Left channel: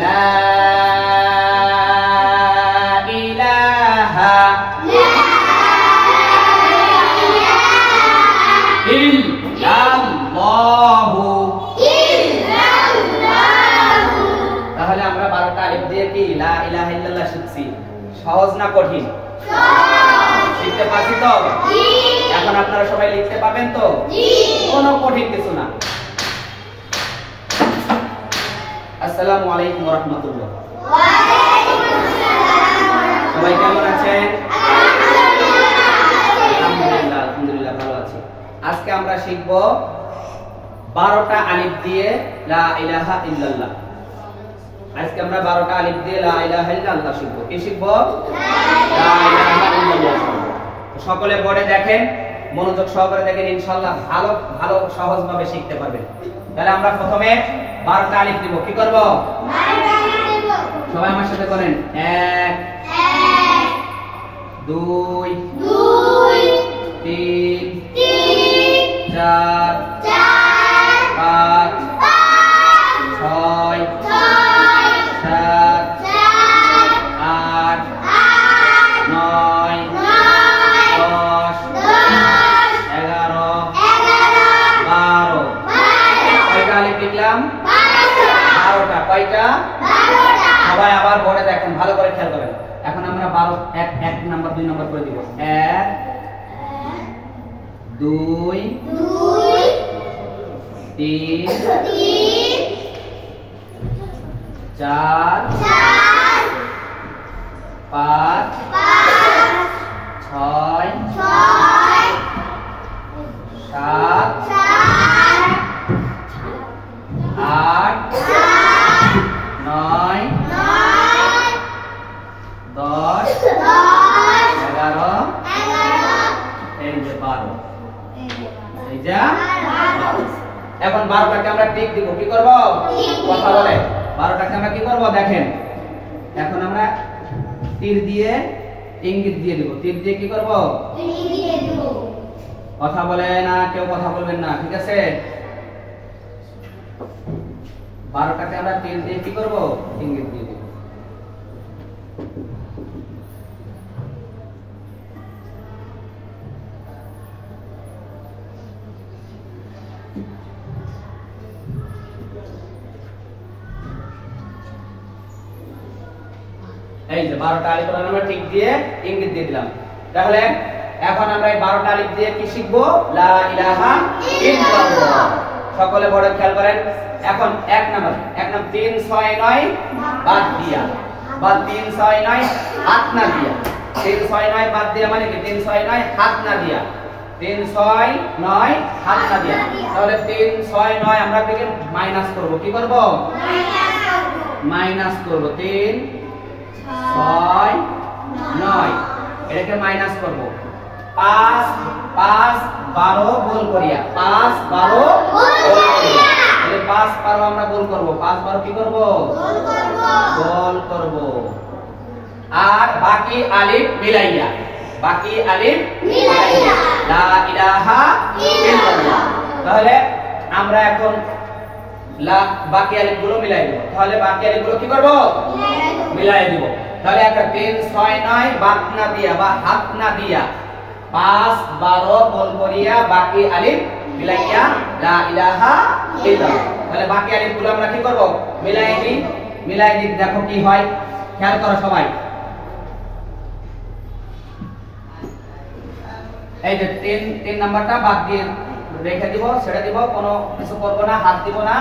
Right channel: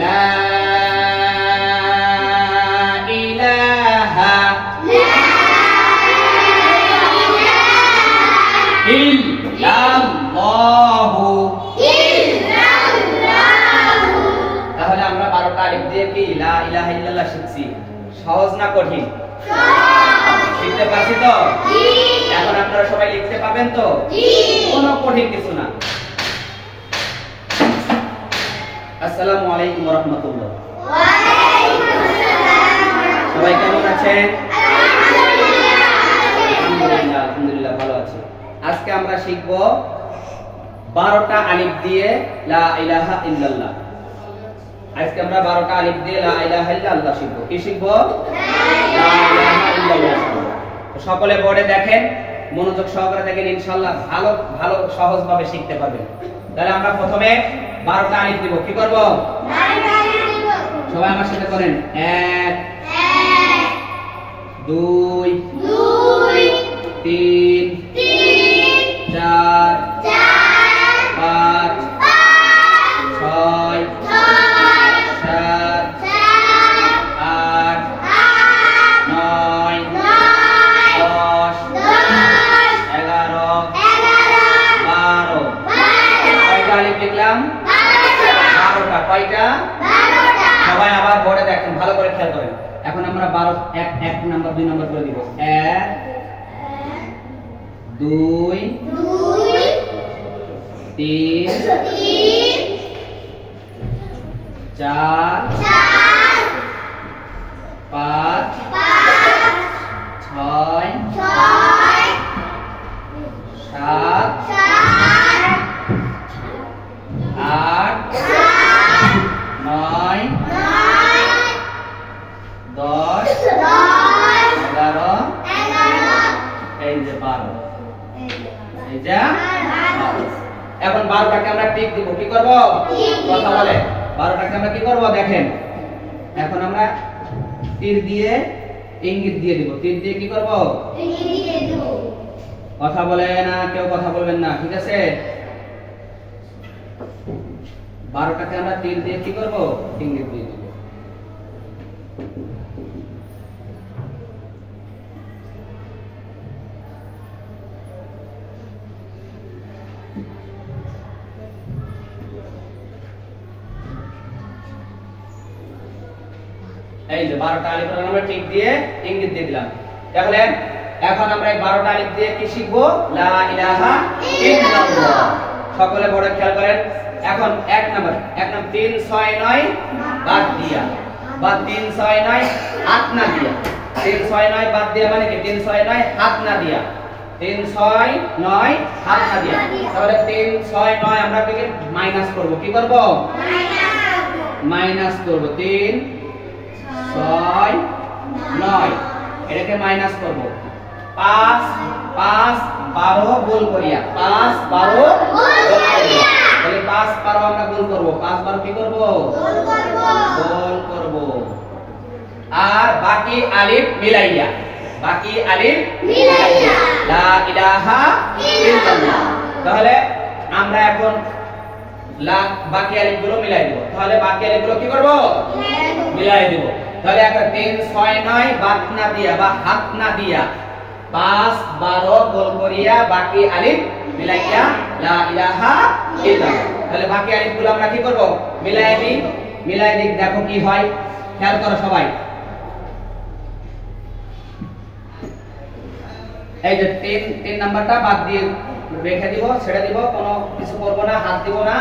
লা ইলাহা ইল্লাল্লাহু। তাহলে আমরা 12টা আলিফ দিয়ে কি লা ইলাহা ইল্লাল্লাহ শিখছি। সহজ না কঠিন? শিখতে পারছি তো? এখন আপনারা সবাই লিখতে পাবেন তো? কোনো কঠিন কিছু না। আসসালামু আলাইকুম ওয়া রাহমাতুল্লাহ। সবাই কেমন আছেন? আলহামদুলিল্লাহ, আলহামদুলিল্লাহ ভালো আছি। আজকে আমরা শিখব 12টা আলিফ দিয়ে লা ইলাহা ইল্লাল্লাহ। আজকে আমরা 12টা আলিফ দিয়ে লা ইলাহা ইল্লাল্লাহ শিখব। কি শিখব? লা ইলাহা ইল্লাল্লাহ শিখব। সকলে বোর্ডে দেখেন, মনোযোগ সহকারে দেখেন, ইনশাআল্লাহ ভালো ভালো সহজভাবে শিখতে পারবেন। তাহলে আমরা প্রথমে 12টা আলিফ দিব। কি করব? সবাই আমার সাথে করেন। 1 2 3 4 5 6 7 8 9 10 11 12। কয়টা আলিফ লিখলাম? 12টা। কয়টা? 12টা। সবাই আবার বোর্ডে দেখেন, ভালো করে খেয়াল করেন। এখন আমরা 1 নাম্বার 2 নাম্বার করে দিব। 1 2 3 4 5 6 7 8 9 10 11 এই যে 12। এই যে 12। এখন 12টাকে আমরা টিক দিব। কি করব? কথা বলে। 12টাকে আমরা কি করব দেখেন। এখন আমরা তীর দিয়ে ইঙ্গিত দিয়ে দিব। তীর দিয়ে কি করব? ইঙ্গিত দিয়ে দেব। কথা বলে না, কেউ কথা বলবেন না, ঠিক আছে? 12টাকে আমরা তীর দিয়ে কি করব? ইঙ্গিত দিয়ে দেব। এই যে 12টা আলিফ আমরা ঠিক দিয়ে ইঙ্গিত দিয়ে দিলাম। তাহলে এখন আমরা এই 12টা আলিফ দিয়ে কি শিখব? লা ইলাহা ইল্লাল্লাহ। সকলে বড় খেয়াল করেন। এখন 1 নাম্বার 3 6 9 বাদ দিয়া, বা 3 6 9 হাত না দিয়া। 3 6 9 বাদ দিয়া মানে কি? 3 6 9 হাত না দিয়া। 3 6 9 হাত না দিয়া। তাহলে 3 6 9 আমরা কি মাইনাস করব। কি করব? মাইনাস করব। 3 6 9 এটাকে মাইনাস করব। 5 5 12 গোল করিয়া। 5 12 গোল করিয়া। তাহলে 5 12 আমরা গোল করব। 5 12 কি করব? গোল করব। আর বাকি আলিফ মিলাইয়া। বাকি আলিফ মিলাইয়া লা ইলাহা ইল্লাল্লাহ। তাহলে আমরা এখন বাকি আলিফগুলো মিলাই দেব। তাহলে বাকি আলিফগুলো কি করব? মিলাই দেব। তাহলে একটা 3 6 9 বাদ না দিয়া বা হাত না দিয়া 5 12 গোল করিয়া বাকি আলিফ মিলাইয়া লা ইলাহা ইল্লাল্লাহ। তাহলে বাকি আলিফগুলো আমরা কি করব? মিলাই দিই। মিলাই দিই, দেখো কি হয়। খেয়াল করো সবাই। এই যে 3 নাম্বারটা বাদ দিয়ে রেখে দিব, ছেড়ে দিব, কোনো কিছু করব না, হাত দিব না।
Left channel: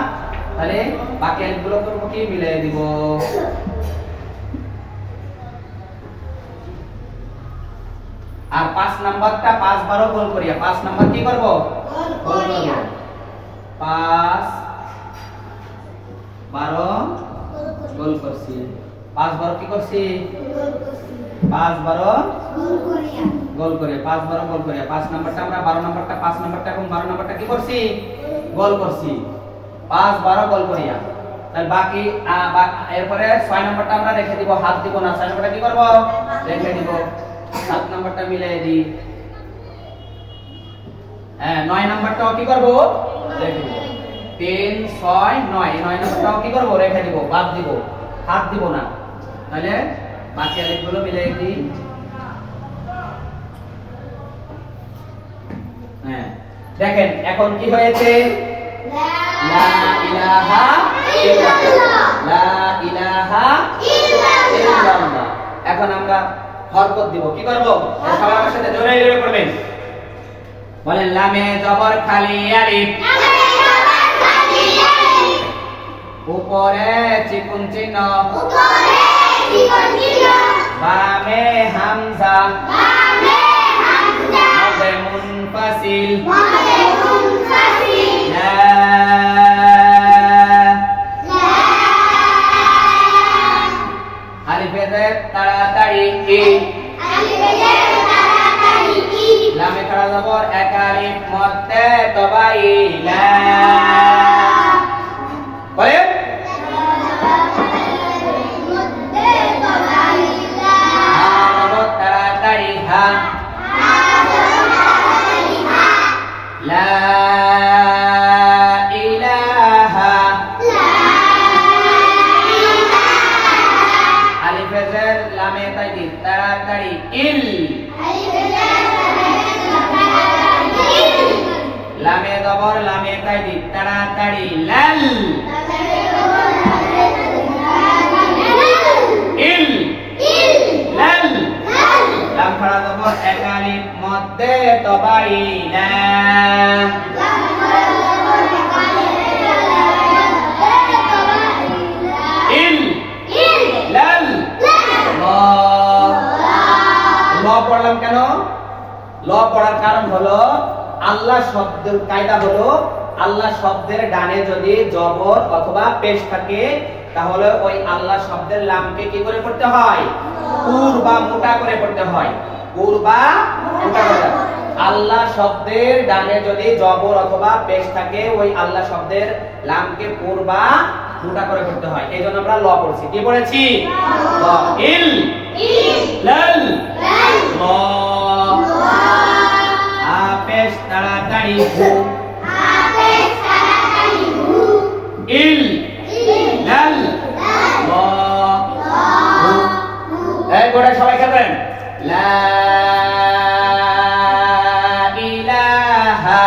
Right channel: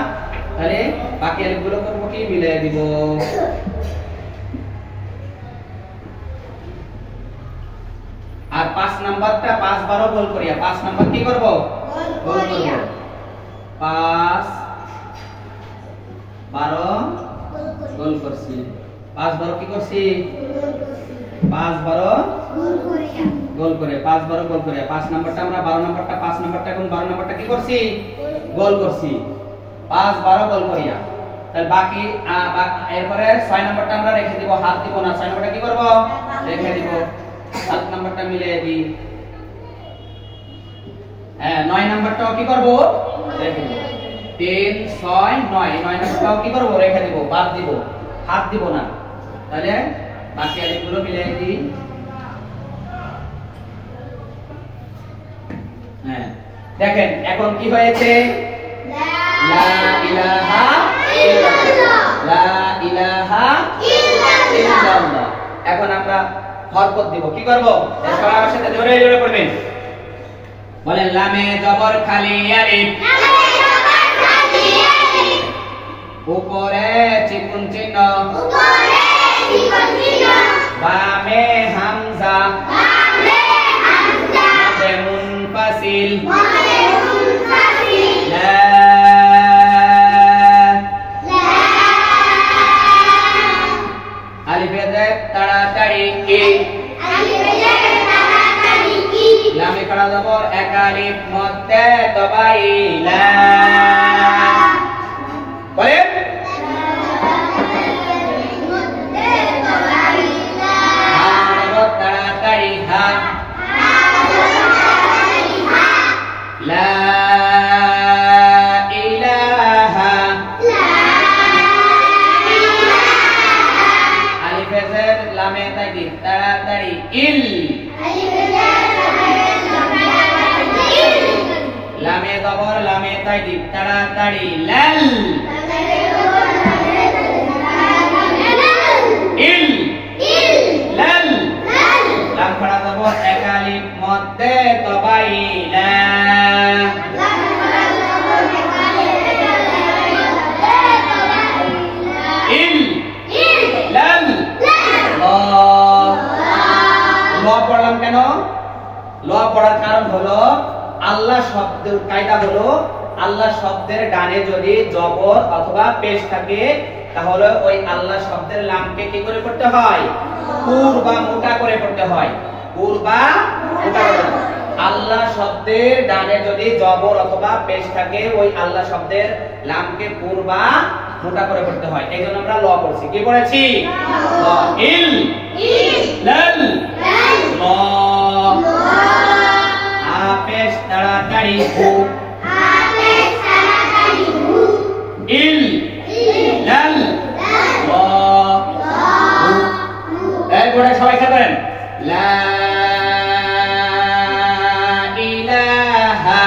তাহলে বাকি আলিফগুলো করব কি? মিলাই দিব। আর 5 নাম্বারটা 5 12 গোল করিয়া। 5 নাম্বার কি করব? গোল করব। 5 12 গোল করছি। 5 12 কি করছি? 5 12 গোল করিয়া। 5 12 গোল করিয়া। 5 নাম্বারটা আমরা 12 নাম্বারটা 5 নাম্বারটা এবং 12 নাম্বারটা কি করছি? গোল করছি। 5 12 গোল করিয়া। তাহলে বাকি এরপরে 6 নাম্বারটা আমরা রেখে দিব, হাত দিব না। 6 নাম্বারটা কি করব? রেখে দিব। 7 নাম্বারটা মিলিয়ে দিই। 9 নাম্বারটাও কি করব? রেখে দিব। 3 6 9 9 নাম্বারটাও কি করব? রেখে দিব, বাদ দিব। হাত দিব না। তাহলে বাকি আলিফগুলো মিলিয়ে দিই। হ্যাঁ, দেখেন এখন কি হয়েছে? লা ইলাহা ইল্লাল্লাহ, লা ইলাহা ইল্লাল্লাহ। এখন আমরা হরকত দিব। কি করব? সবাই আমার সাথে জোরে জোরে করবেন। বলেন লামে জবর খালি আলিফ, উপরে চিকুন চিহ্ন, বামে হামজা, মধ্যে মুনফাসিল, লা আলিফে জের তাড়াতাড়ি ই, লামে খাড়া জবর এক আলিফ, মধ্যে তবাই লা। বলেন তাড়াতাড়ি হা, লা ইলাহা, আলিফে জের লামে তাইদিদ তাড়াতাড়ি ইল, লামে জবর লামে তাইদিদ তাড়াতাড়ি লাল, ইল লাল, লাম খাড়া জবর এক আলিফ, মধ্যে তবাই লা, ইল লাল ল। ল পড়লাম কেন? ল পড়ার কারণ হলো আল্লাহ শব্দের কায়দা হলো আল্লাহ শব্দের ডানে যদি জবর অথবা পেশ থাকে তাহলে ওই আল্লাহ শব্দের লামকে কি করে পড়তে হয়? পুর বা মোটা করে পড়তে হয়। পুর বা মোটা করে। আল্লাহ শব্দের ডানে যদি জবর অথবা পেশ থাকে ওই আল্লাহ শব্দের লামকে পুর বা মোটা করে পড়তে হয়। এইজন্য আমরা ল পড়ছি। কি পড়েছি? ল। ইল লাল ল। পেশ তাড়াতাড়ি হু, ইল লাল ল হু। এই গোড়ায় সবাই খেলবেন। লা ইলাহা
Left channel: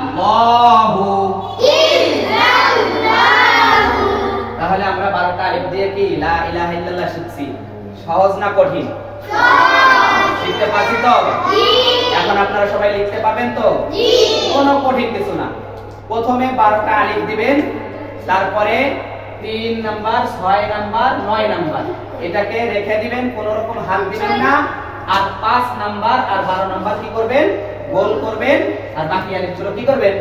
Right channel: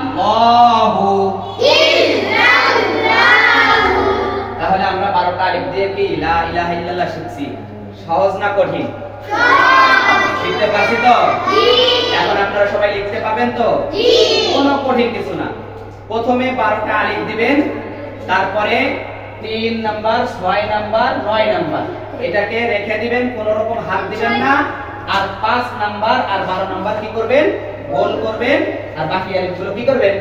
ইল্লাল্লাহু। তাহলে আমরা 12টা আলিফ দিয়ে কি লা ইলাহা ইল্লাল্লাহ শিখছি। সহজ না কঠিন? শিখতে পারছি তো? এখন আপনারা সবাই লিখতে পাবেন তো? কোনো কঠিন কিছু না। প্রথমে 12টা আলিফ দিবেন, তারপরে 3 নাম্বার 6 নাম্বার 9 নাম্বার এটাকে রেখে দিবেন, কোনো রকম হাত দিবেন না। আর 5 নাম্বার আর 12 নাম্বার কি করবেন? গোল করবেন। আর বাকি আলিফগুলো কি করবেন?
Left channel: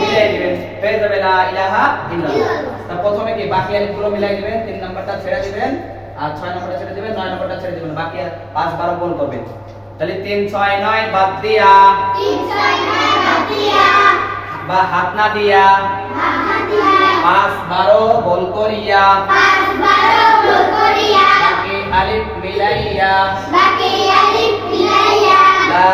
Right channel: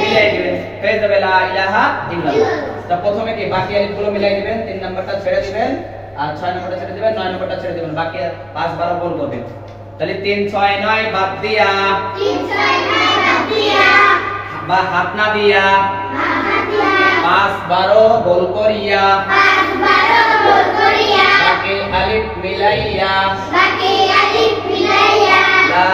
মিলাই দিবেন। হয়ে যাবে লা ইলাহা ইল্লাল্লাহ। তো প্রথমে কি বাকি আলিফগুলো মিলাই দিবেন, 3 নাম্বারটা ছেড়ে দিবেন আর 6 নাম্বারটা ছেড়ে দিবেন, 9 নাম্বারটা ছেড়ে দিবেন। বাকি 5 12 গোল করবেন। তাহলে 3 6 9 বাদ দিয়া, 3 6 9 বাদ দিয়া, বা হাত না দিয়া, 5 12 গোল করিয়া, 5 12 গোল করিয়া, বাকি আলিফ মিলাইয়া, বাকি আলিফ মিলাইয়া, লা